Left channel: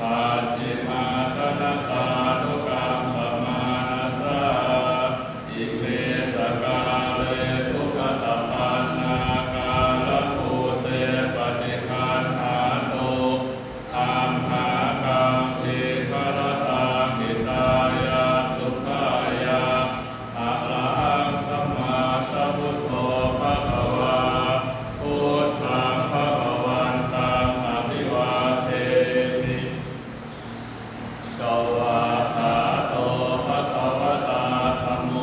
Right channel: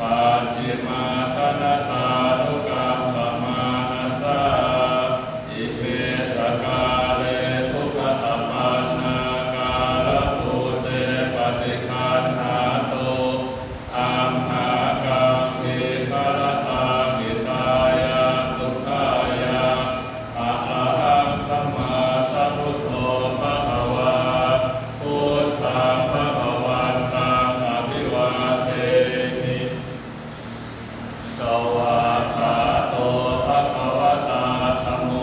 ปัจฉิมาชนะตานุกรรมปมานัสสะอิเมสกาเลทุกขตปันนากาลภูเตปฏิคันหาโตอัมหากังวิภรตามิตายาสุขายาอะระหังสัมมาสัมพุทโธภะคะวาพุทธังภะคะวันตังอภิวาเทมิสวากขาโตภะคะวะตาธัมโม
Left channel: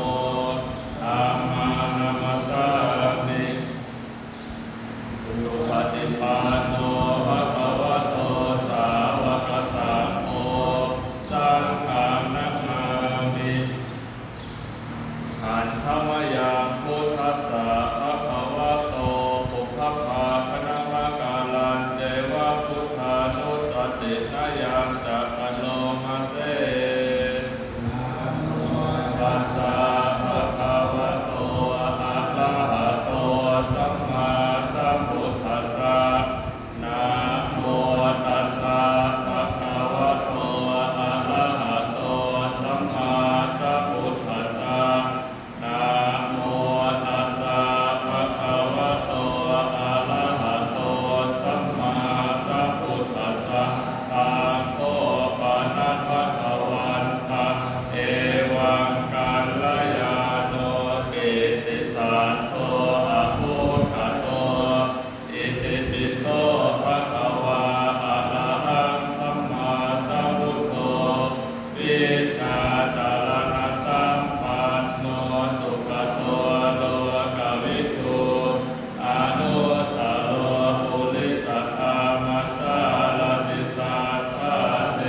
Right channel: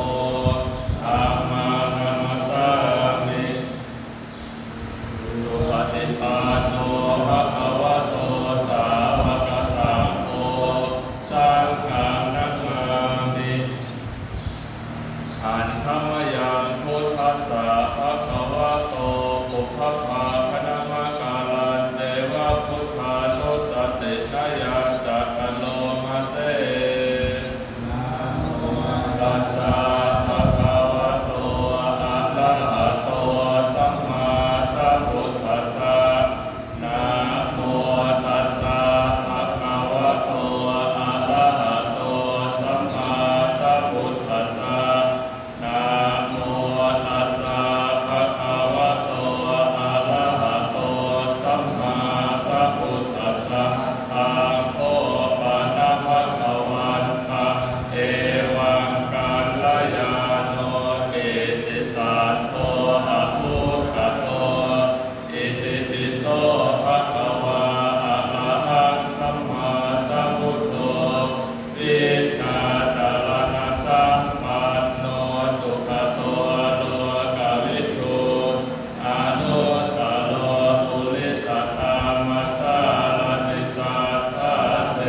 ธัมมังนัมสสามิสุปฏิปันโนภะคะวะโตสาวกสังโฆสังฆังนัมมามิอันธรรมยังพุทธัสสะภะคะวะโตปุพพะพะนะมะกาลันเจวะพุทธานุสตินายังจักขโลมาเสตัสสะภะคะวะโตอะระหะโตสัมมาสัมพุทธัสสะนะโมตัสสะภะคะวะโตอะระหะโตสัมมาสัมพุทธัสสะนะโมตัสสะภะคะวะโตอะระหะโตสัมมาสัมพุทธัสสะอะโคปะนะภะคะวันตะเอวังกัลยาโนอิติสัตโตอะภุคโตอิติปิโสภะคะวะอะระหังสัมมาสัมพุทโธวิชชาจารณสัมปันโนสุขโตโลกวิทูอนุตตโรปุริสธรรมสารติสัทธาเท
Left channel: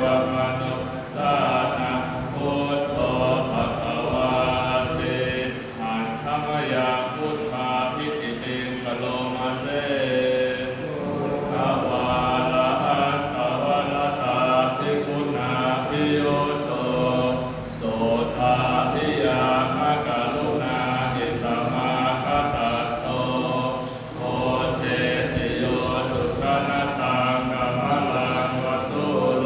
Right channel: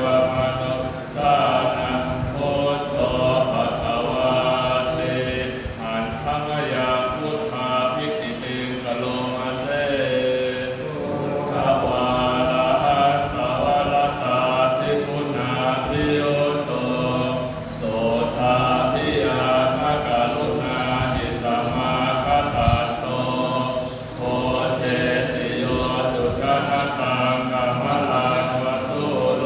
วมนุสสานังพุทโธภะคะวะเตอันธรรมยังพุทธาภิกขิติงกโลมาเสภวาระหันตวรตาภิกขุนาภิโยโตโสทาภิยามะกรุณาหิสมาคตัตโตโพเทสิโยสุขนตังกัมมลังวสุโล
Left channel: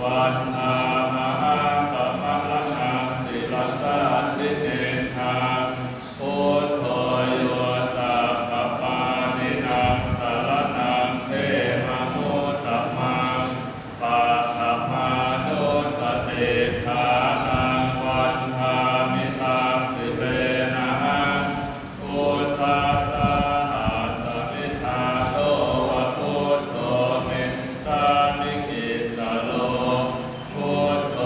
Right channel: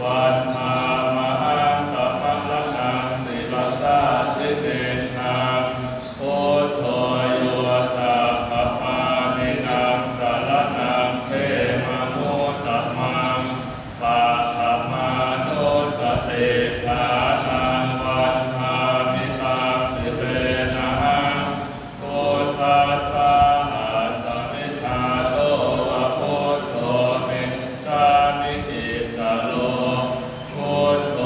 วันธามหันตมะละนังศิลสาชิเนธังพุทโธโยสัพพปานินังสารนังเทมะมุตตมังปัฏฐมานุสติฐานังวันธามิตังสิเปนะหังพุทธัสสะหาสมิทาโสวะพุทโธเมสามิกิสโลพุทโธ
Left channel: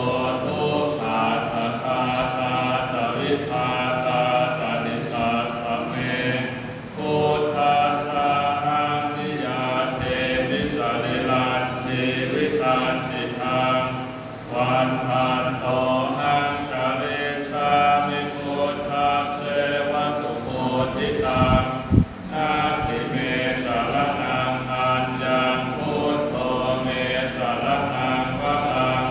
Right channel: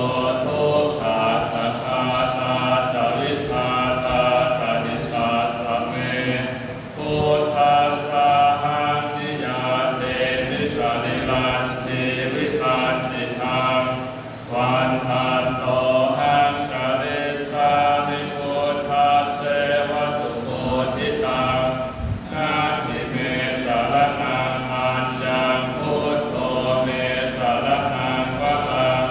ทุกขาสัทธาตาจาวิทาตาจานิตาสัมเมพุทธัสสะหังนิยาเตนิสานิลันชีวิตันติทังวันทันโตหังกะเรสามิพุทธัสเสวะสุโคทิตังนาทิเมสารนังอัญญังพุทโธเมสารนังวะหัง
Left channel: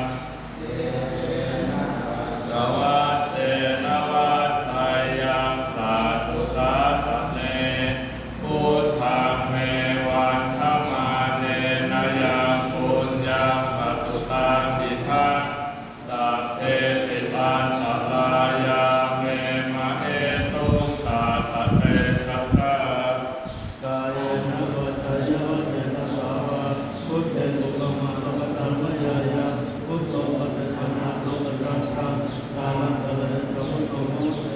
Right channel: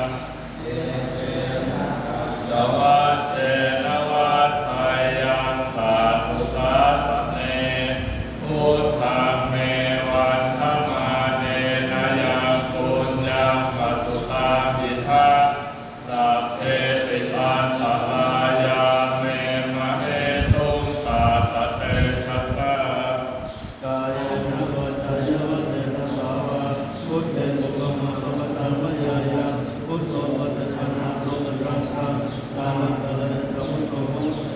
สวัสเทนวัฏไทยังสาธุสาสะเนพุทธังเมวันธรรมาเนนะยังปุญญังปสุตังอิทังสัพเพปิตันตรายาเมมะเอสุงตาสะเตชัสสะกายานาวัจจายวัจเจตสาวะพุทเตสุขมัตตะตังวะยายะพุทโธปัจจตังนะโตตรังกังกาลังกะเลสมุทโธโมเต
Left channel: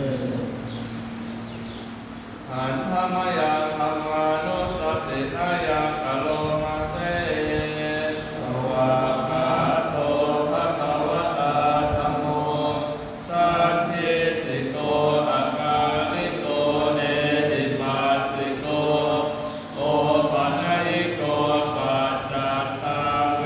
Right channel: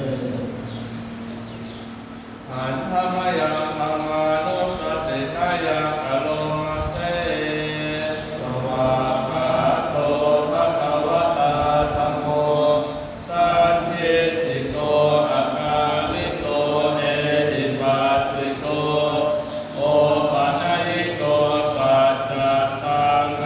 อันธรรมยังธรรมานุสตินายังอโลมาเสสวากขาโตภะคะวะตาธัมโมสันทิติโกอะกาลิโกเอหิปัสสิโกโอปะนะยิโกปัจจตังเว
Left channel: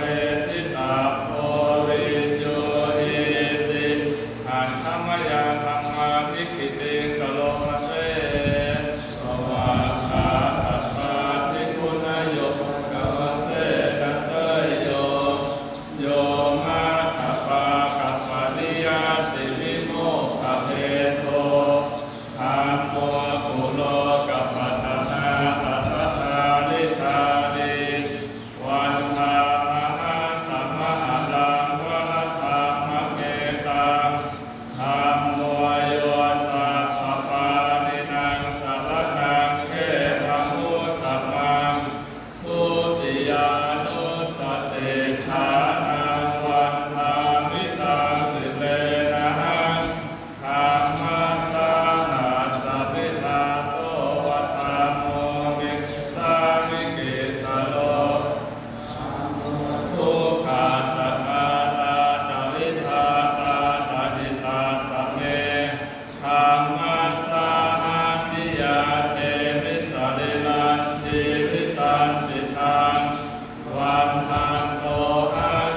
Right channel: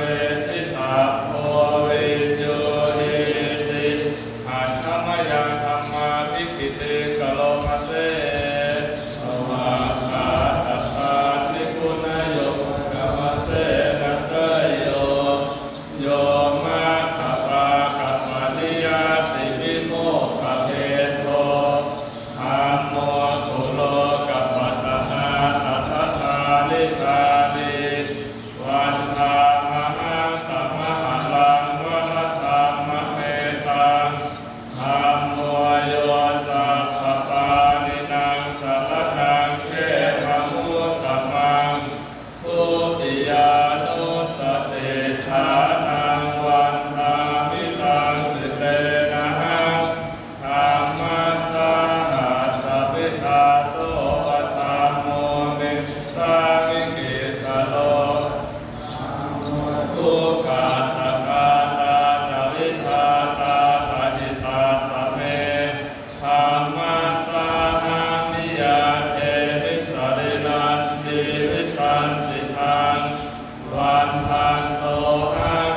านังวันทามิตังสิเลนะธรรมสาหัสสะพิทาโสวัตตโมนิสามิกิสโลทุกขาสกาตาจาวิทาตาจาหิตาสเมธรรมสาหัสนิยาเทมิสริลันชีวิตันจิตังวันทันโตอา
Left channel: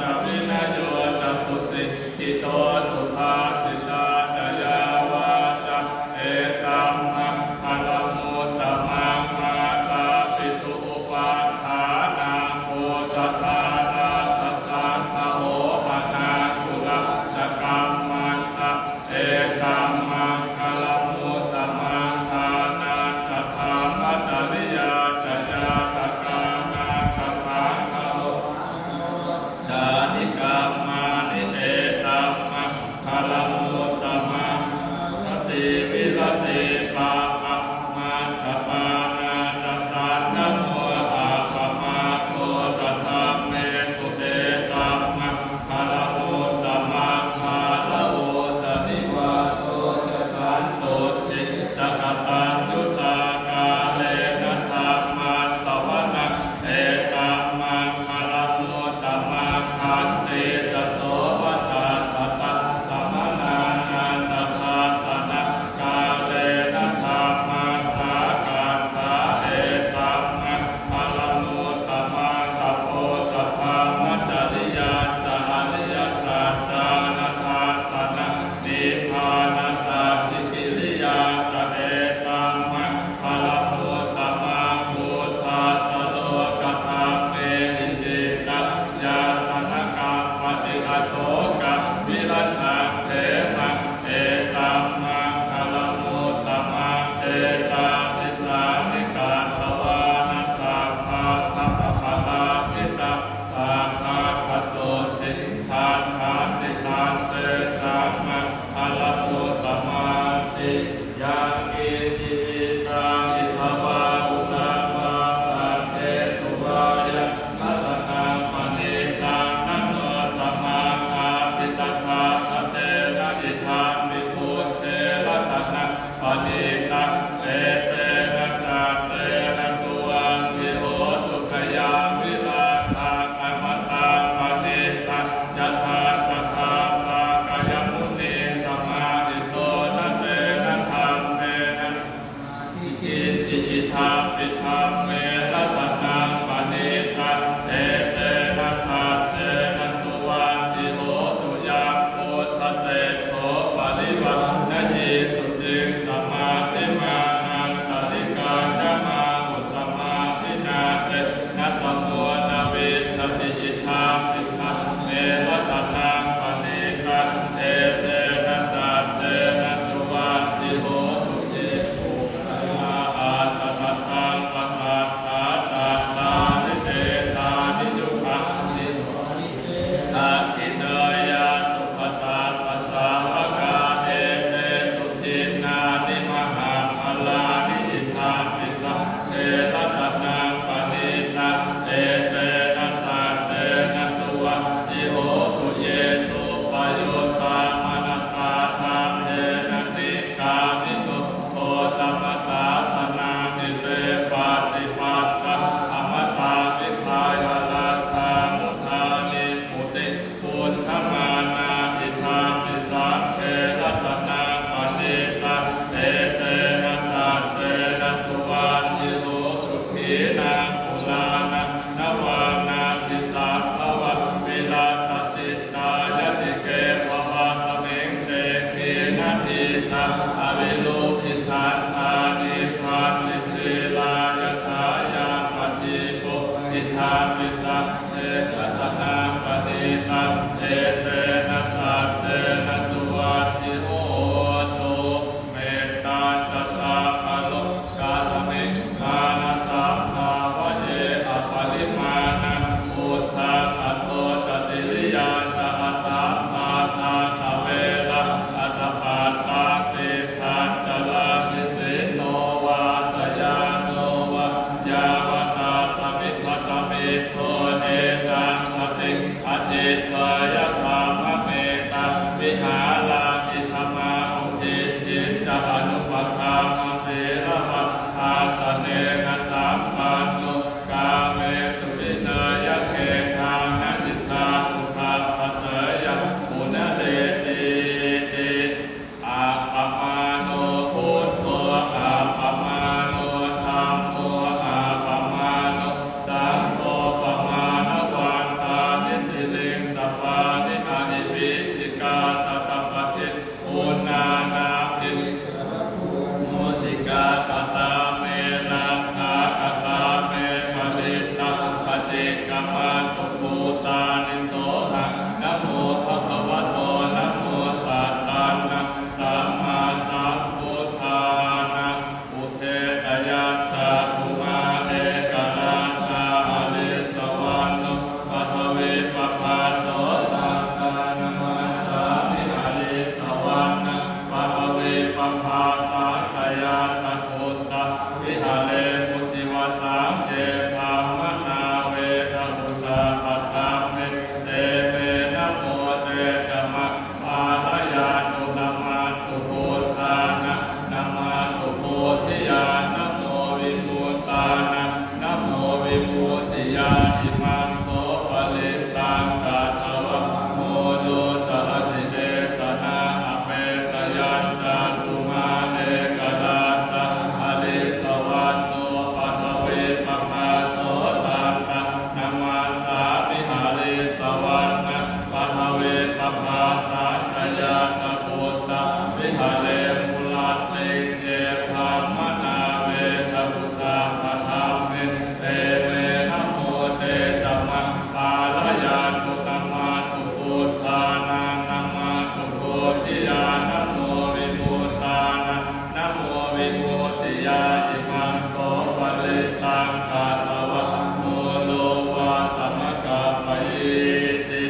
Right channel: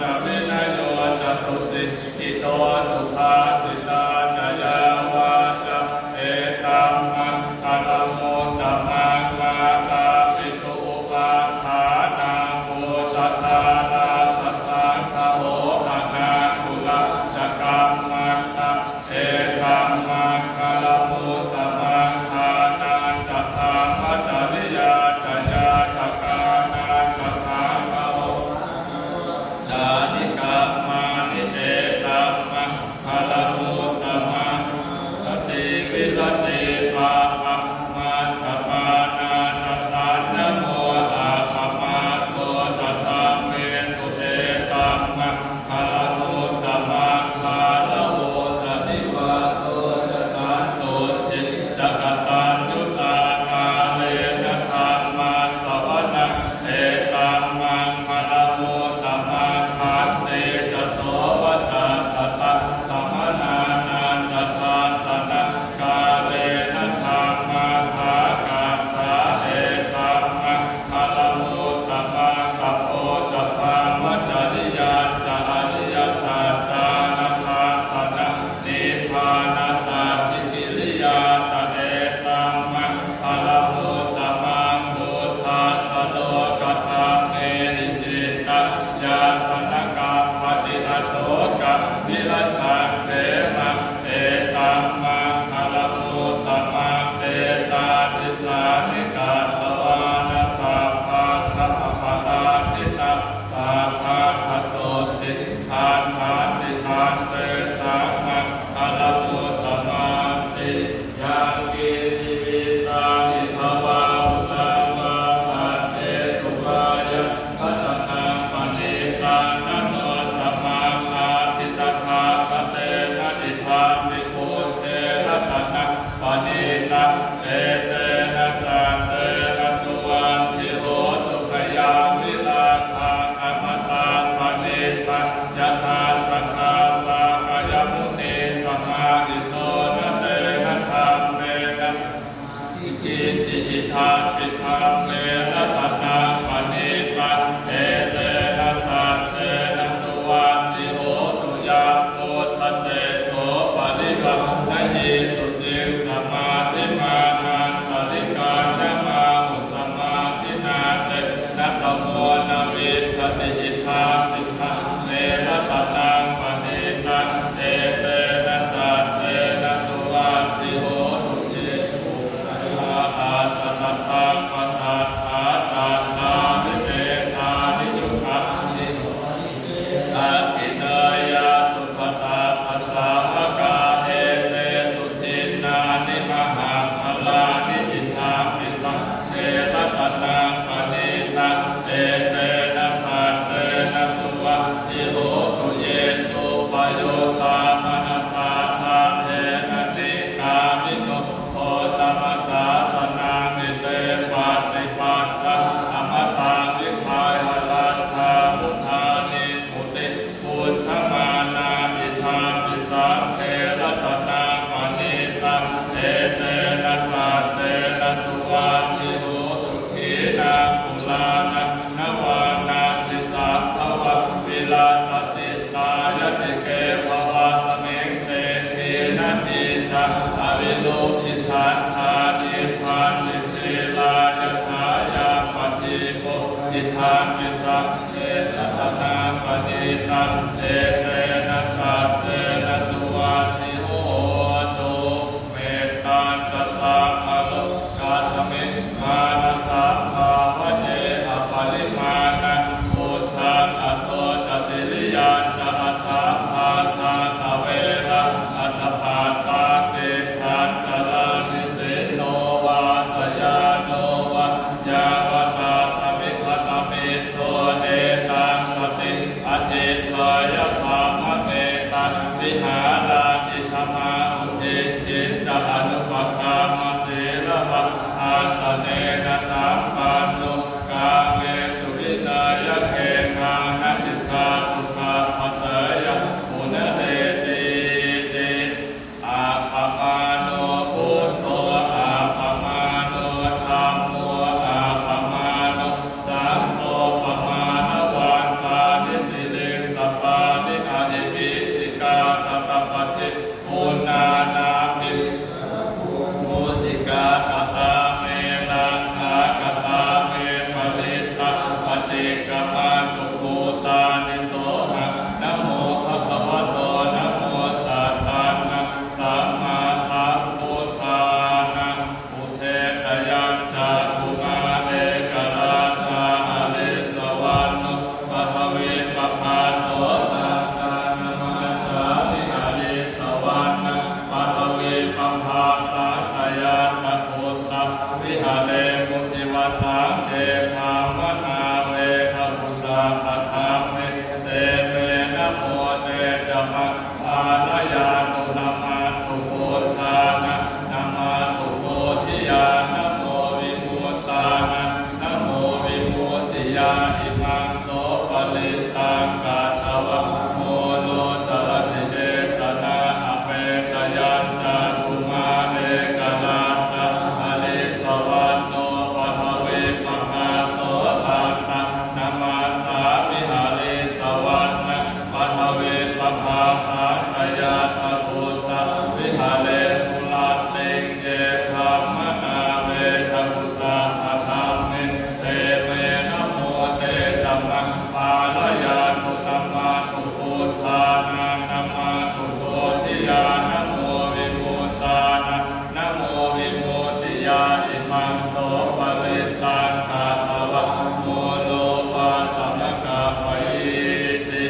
จะวินัยโยจะสุสิกิโตสุภาสิตาจะยาวาจะเอตัมมังคารโมตมังนาตาปิตุอุปาทานาโมตตานาทัสสังฆโหอนาคุลจะกัมมันตะเอตัมมังคารโมตมังทานาจะธรรมจริยาจะยาตกานาจะสังฆโหจานิกามานิเอตัมมังคารโมตมังกติวิรติปะอะมาชปานาจะสันนโมอาปะมาโตจะธรรมเมสุเอตัมมังคารโมตมังคารโมจะนิวาโตจะสันโตติจะกตัญญูตากาเลนะธรรมาสวนะเอตัมมังคารโมตมังคันเตจะโสวัตตาสัตตะสมนานันตทาสนะกาเลนะธรรมาสากาสาเอตัมมังคารโมตมังกัปโปจะพามจริยาจะอริยสัจจานะทาสนะนิพพานาสัจฉิกิริยาจะเอตัมมังคารโมตมังพุทธัสสะโลกธรรมเมหิจิตตยาสนกาปฏิอโศกวิรัชังเถมังเอตัมมังคารโมตมังเอตาทิสานิกาทวานาสัพพะคัปปะตาชิตาสัพพะสัสโสติทานชานติทานเตสัมมังคารโมตมังติยากิติตานิทวาอุตวาสัตเทสุวายะพัฒนาปณิตานันโนสัมมาคาติตถาคเตนะอิทามิโกเทระตนะปณิตาเตเตนะสัตเตนะสุวันทิโหตุขยาวิราทาอมตังปณิตายะธาสังฆาสากายมุนีสัมมาหิโตนะเตนะธรรมเมนะอิกิจิอิทาปิธรรมเมระตนะปณิตาเตเตนะสัตเตนะสุวันทิโหตุยะพุทธเสโสปริวัณยิสุจิงสมาธิมานังปริการยมาหุสมาธินาเตนะสมุนาวิชติอิทาปิธรรมเมระตนะปณิตาเตเตนะสัตเตนะสุวันทิโหตุเจตุอาสัตตังปัสสัตตาจัตตานิเตตานิยุคัตติอากิเนยาสุขตาสัสสาวกาเอเตสุทินานิมหาภลานิอิทาปิสังเทระตนะปณิตังเอเตนะสัตเตนะสุวัตติโหตุเยสุปโยตามนัสสาธาเทนะติกามิโนโพตมัสสาสนามิเตปาติปัตตะอมตังวิภายหลังคามุทานิมุติปุญชมานาอิทาปิสังเทระตนะปณิตังเอเตนะสัตเตนะสุวันทิโหตุขีนาปุลานะนวานาทิสัพพวะวิลาตจิตตายติเกภวะสมิงเตขีนาทิชะอวิโลภิชันธานิพานิเทลายทายาปฏิโปอิทานวิสัพเพรัตนาปณิตังเอเตนะสัตเตนะสุวันทิโหตุเมตตาจัสสะอโลกาสมิงมานะสัพพาวะเยอปริมาณังพุทธังอโตจติริยาจะอาสัพพาทาภเวระอาสปาตาเตพันจลามิสิโนวาสยาโนวะยาวตาสมิพัตมิโตเอตังสติอธิตายะธรรมเมตังวิหารามิธรรมาอุทิจิตจะอนุปคามาเสระภะอาสเนนะสัมปันโนกาเมสุรินายะเกทังนัจจาตุปาปัสสยะปุณเดติติอาปมาโนพุทโธอาปมาโนธัมโมอาปมาโนสังโฆปมาณวันตานิสิเลงส วิปภาสันตยาสกุตะวิหาเลมุลาเตเกภามนาเวทกุสาภะธรรมเมเตเมนะโมเตจัมมังปาลยานุตัมมาตุปุฏฐานังนัมมาตุโกติยานะโมวิมุตตานะนะโมวิมุตติยาอิมังโสปะลิตังกาตวะโมโลปัสสมกะปะยิติ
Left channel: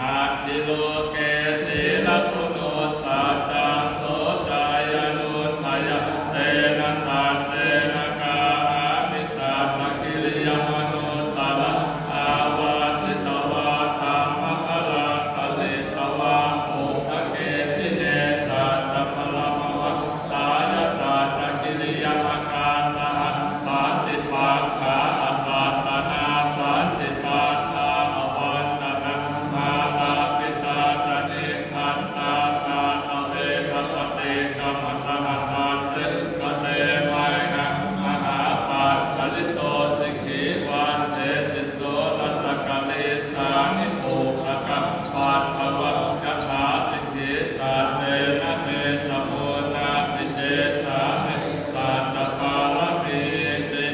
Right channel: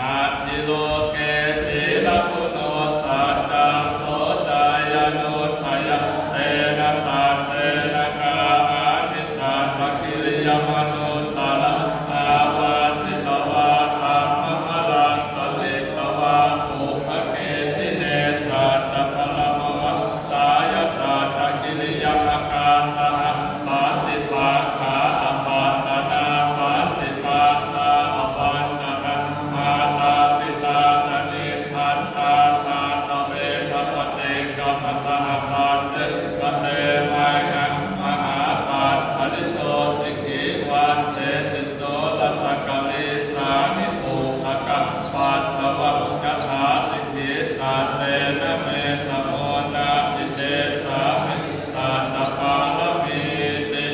อาทิโลเกสีลคุโนสัจจังโสจายโนทยะเตนะสัตเตนะกาอานิสัจจกิริยมโนตาละอาวาสิตวะธัมมะพลังสลิตวะปุภเกชิเนสัจจพลัมวะสายสัจจกิริยมกาสหสันติภาขาอปัตตนาสันติภาคาอปัญจนะมาตาปิตาจนิขันตาชาตเวทปฏิกรรมสหสันติสเตมัยหังมหาปัสสริโตสิกขิวันเทสิโสลัสสกลิสานิโภคกะปัตถวะกถาสิกขิสัตเตนะเมสโมนาติเตสามิสัจจปาลมิติ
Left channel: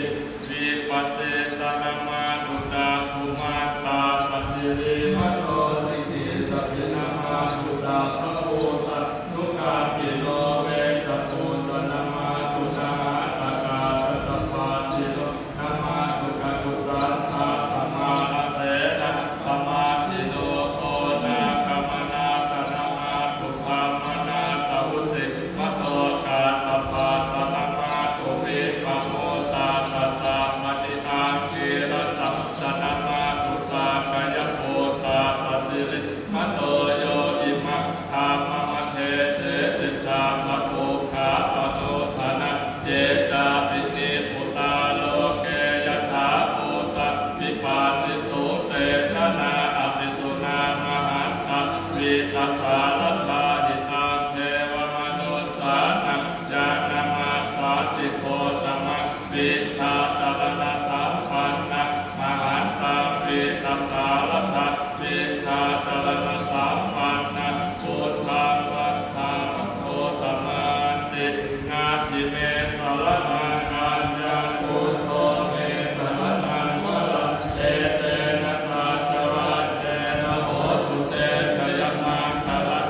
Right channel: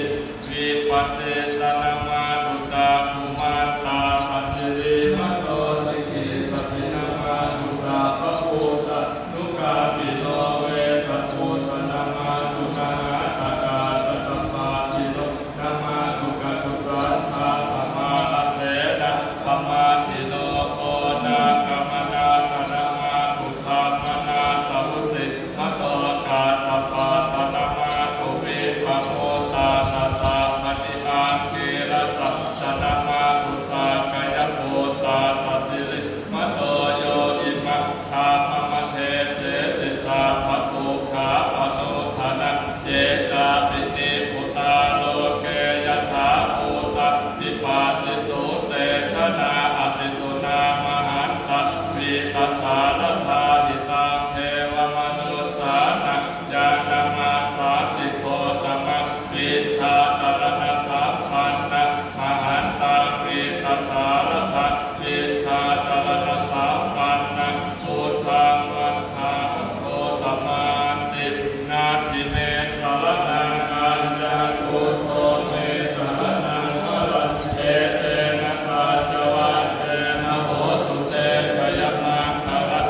วิปัสสิสนามาตุตาคุมันตาสัสสิริมโนสิกขิสัพพินามาตุสาภพุตะนุกาปิโนเวสัพพุสนามาตุนาหาตากาสัตตปาสิโนนามาตุกะตุสัทธาสัมมาลเสนะปมาทิโนโอนาคัมมนาสนามาตุธัมมนาสัพพุสิมโตกาสัพพาสนามาตุวิปโมตาสัทธามณิอังกิรสัพสนามาตุสากายโพตาสัสสิริมโตโยอิมังธามมะเทเสสิสาภตุขาปโนทานะเยจาปินิปุตาโลเกยถาภูตะวิปัสสิสุเตชะนาอภิสุนามหันตะวิตัสสาลตาหิตังเทวมนุสสานังญาณมาสาติโคตมังวิชาจรณะสัมปันนังมหันตังวิตัสสาลตาวิชาจรณะสัมปันนังพุทธังวันทังโคตมันตินาทิเมสรนังอัญญาพุทโธเมสรนังวรันเอเตนะสัจจวัตเตนะโหตุเตชยมังคละ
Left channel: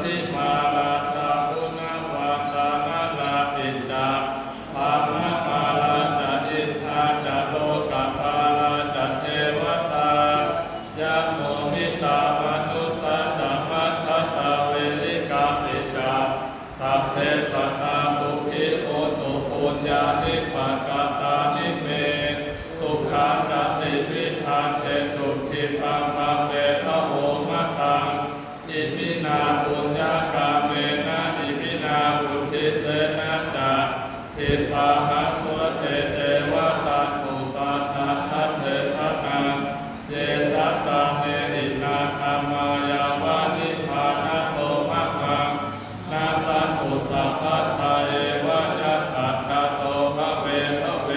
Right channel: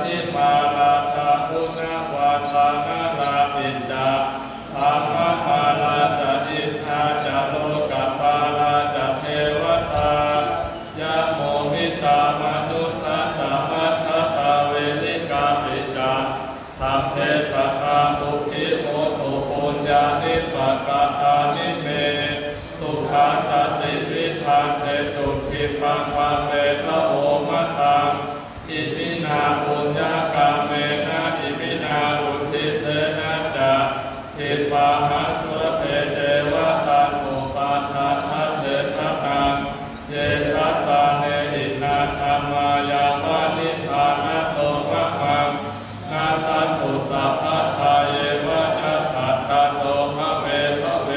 พิมาลาสาพุนาวาตานาลาปิดาภามะมาลาจะอินทาจะโลกปาลาจะเทวตายะโมมิตามนุสัจจะมัชฌะตาเวลิกาปิจาสัพเพสัตตาสุขิโหตุปุญญานิปกาตานิเมสุขาจติวิธานเตตุทิปังปะเปทะโหมะตังอิมินาปุญญากาเมนะอิมินาอุทิเสนะจะทิปาหัสสุรเพเจวะตันอุปาทาทัสเสทะนังเยสัตตาเนหินาคามายาวานิพานะโลมะมังนาสันตุสัพพะทาเยวะยัตถัจจโตภะเวภะเว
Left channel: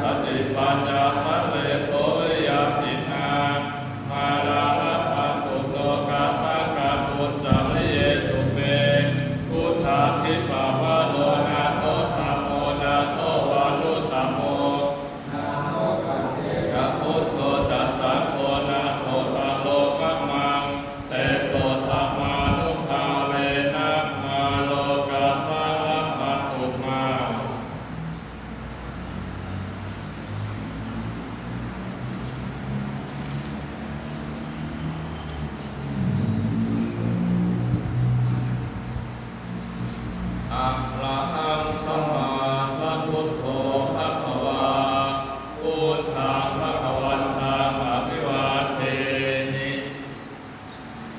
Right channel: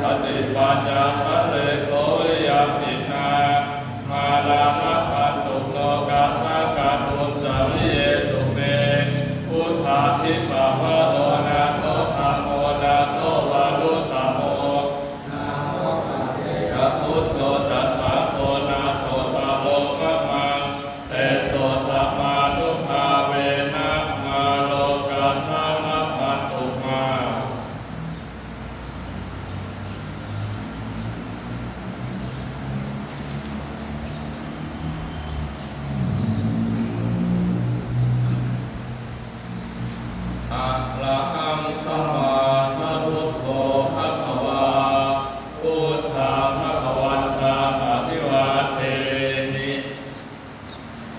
สติปัญญาสัตเตโตยะปินามาลานะพันตุโลกาสังกาตุนจาริเยสุเมพุทธาทิปาวะโลนะโตธัมโมนะโตวาลุตโมยะพุทโธจัสสังโฆนะโตตะโลกะมังเตโสตมานุภาเวนะมาโลกาสังพันตุมาอะระหังสัมมาสัมพุทโธภะคะวาพุทธังภะคะวันตังอะภิวาเทนิ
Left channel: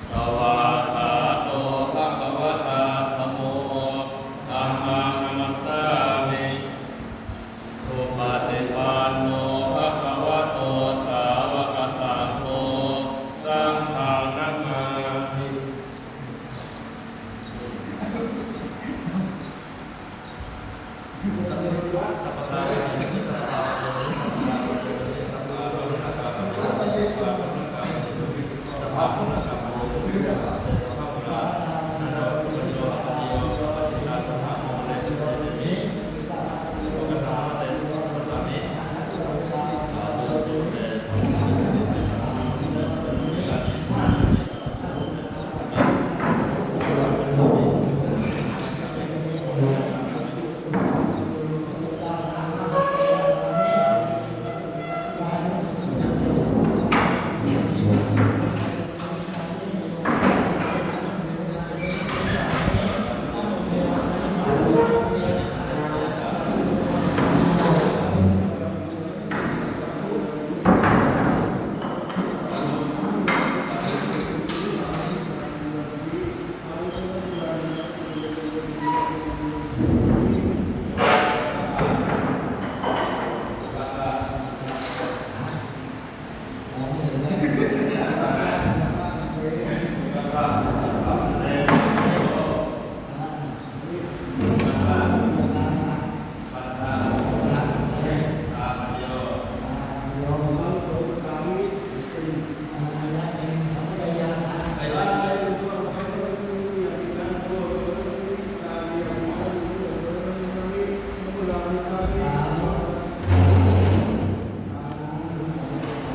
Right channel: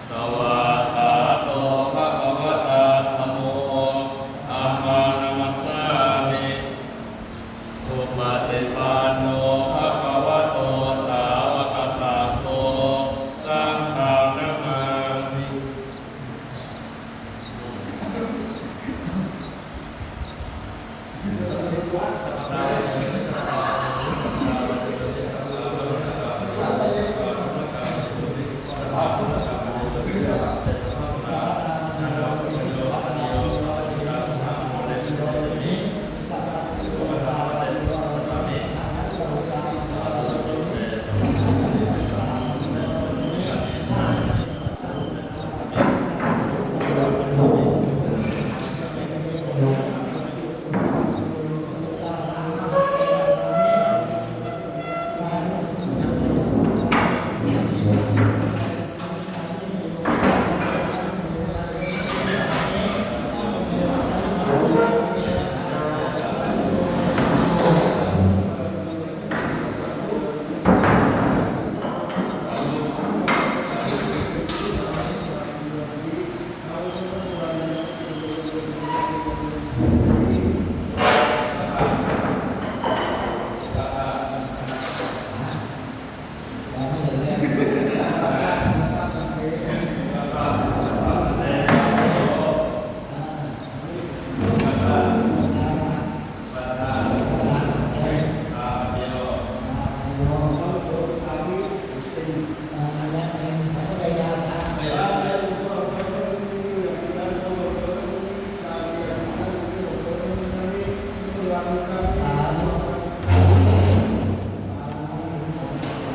สวากขาโตภะคะวะตาธัมโมธัมมังนัมสสามิสุปฏิปันโนภะคะวะโตสาวกสังโฆสังฆังนะมามิ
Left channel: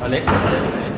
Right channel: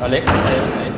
อเล็ก